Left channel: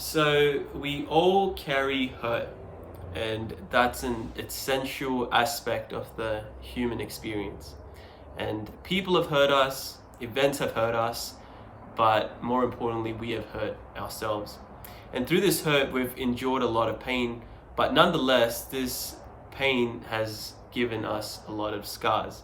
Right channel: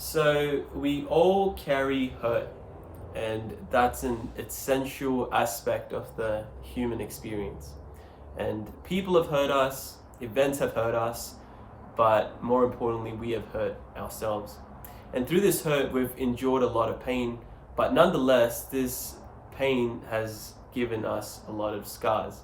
So we all carry hurt, and that's an essential aspect of the human experience. And people have hurt us, events have hurt us, but more importantly, we have hurt ourselves. And through this hurt, we've endured a lot of pain, but nonetheless, this pain has given us a lot of scars.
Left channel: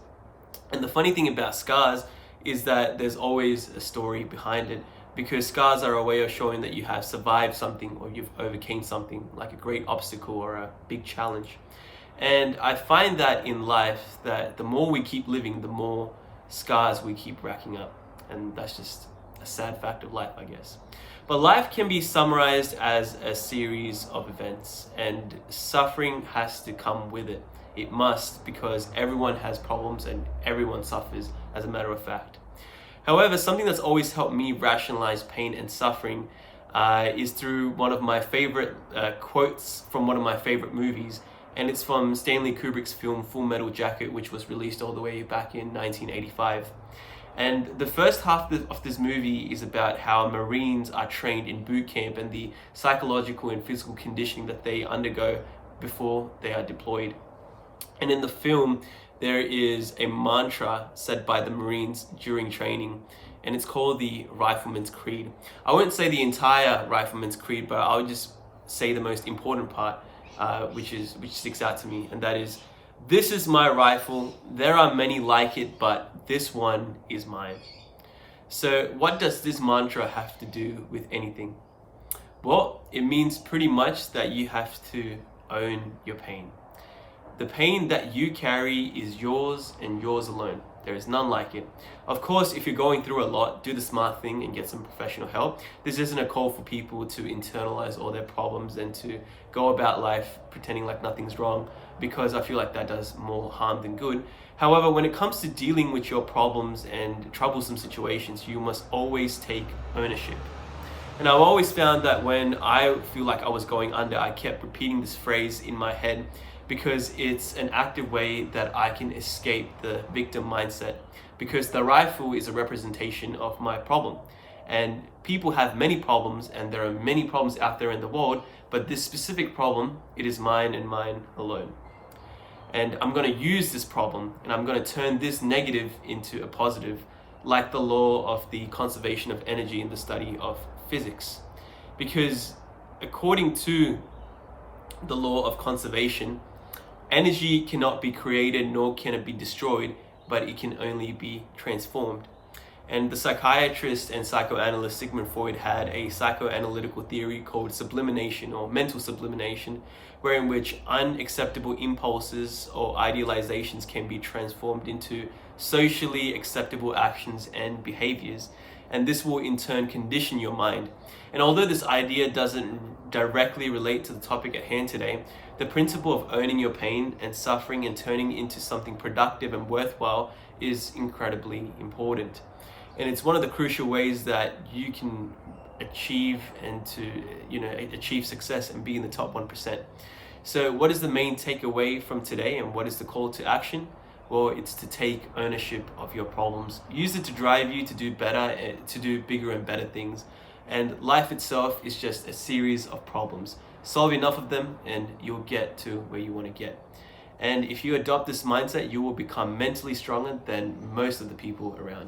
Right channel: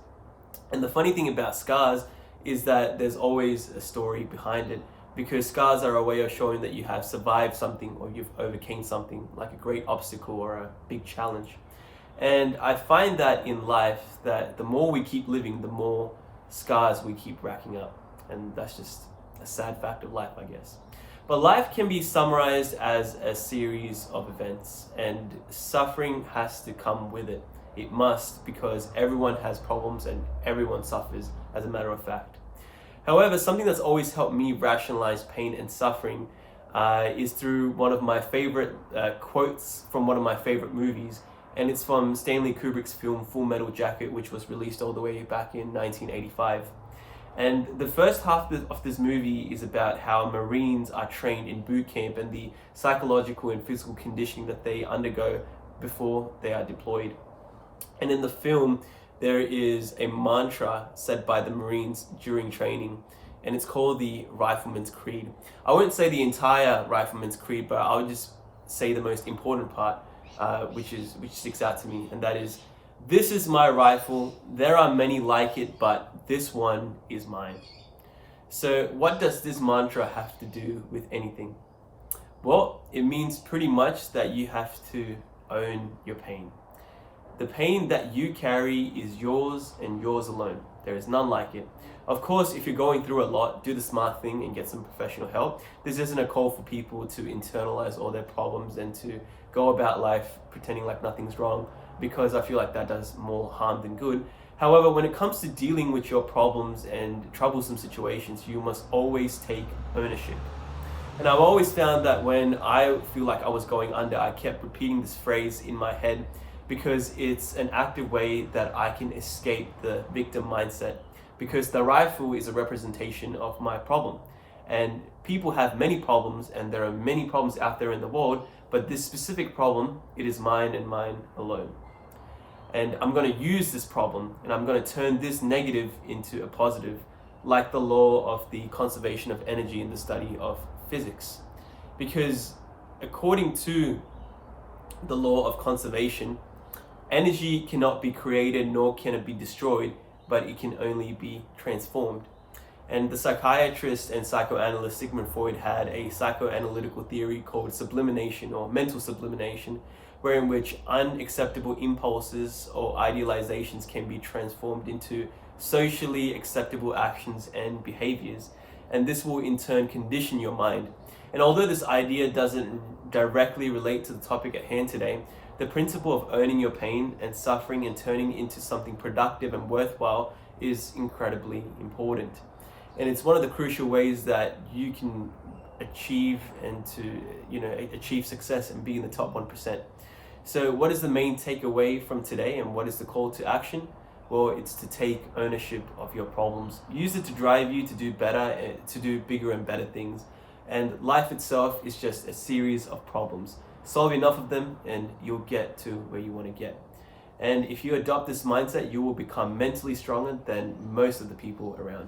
And the funny thing about scars is that there's always a story behind it, because scars are a way of showing that you have survived something or you've overcame something like a great obstacle or a big challenge. And I find that in life that the more we keep living, the more scars we keep racking up. And that's just a sad fact of life, I guess. But life can be summarized as a series of events, and suffering has to come with it. It must, because everyone has problems and everyone suffers, as a matter of fact. However, something that's always helped me rationalize pain and suffering is through one of my favorite quotes from one of my favorite movies, and it's from Stanley Kubrick's film Full Metal Jacket, which was released all the way back in 1985. And the first half of this movie is about how Marines are trained in boot camp and the psychological and physical conditioning that they undergo before they are deployed. And in the film, there is a mantra said by the Marines during training, and it's called the Rifleman's Creed. I won't say the entire Rifleman's Creed, but I'll just say the most important part, which sticks out to me, and that is, "This is my rifle. There are many like it, but this one is mine." So what does this mantra have to do with anything? Well, it means pretty much that you have to own your pain. The pain that you carry is yours and yours alone. There is none like it. Of course, if you're going through a lot, do the smart thing and get some professional help. This isn't a call for people to internalize all their problems and to go about life pretending like nothing's wrong, because I feel like that does more harm than good. However, when it comes to dealing with your problems and troublesome situations, you must always take ownership. And I've always found that when I feel like I was going under, I kept repeating this phrase in my head, because it's an active way that I can escape the victim mindset, because the rifle is a representation of my problem. And people have many problems, and there are many problems out there in the world, but this specific problem, it is mine and mine alone. And I'm going to use this problem, and I'm going to turn this negative into a positive, like the law of the conservation of energy in the study of physics. Because according to the law of conservation, energy cannot be created nor can it be destroyed, but it can only be transformed. And the psychiatrist and psychoanalyst Sigmund Freud had a psychoanalytical theory called sublimation, or mental sublimation, wherein which unacceptable impulses or idealizations can be transformed into socially acceptable actions and behaviors. And this will in turn condition your mind. And although this idea doesn't directly relate to the topic at hand today, the principle of owning your pain and suffering and turning it into something productive and worthwhile is incredibly important. And it's one of the crucial ways that you can achieve achieve success and be in the top 1%. So what is the main takeaway from today, and what is the call to action? Well, it's to take ownership of your problems. Use it to drive you to do better, to do bigger and better things. And life itself is just a series of problems. Solve enough of them and you'll get to where you want to get. And if you adopt this mindset, you will become mentally stronger than most of the people around you.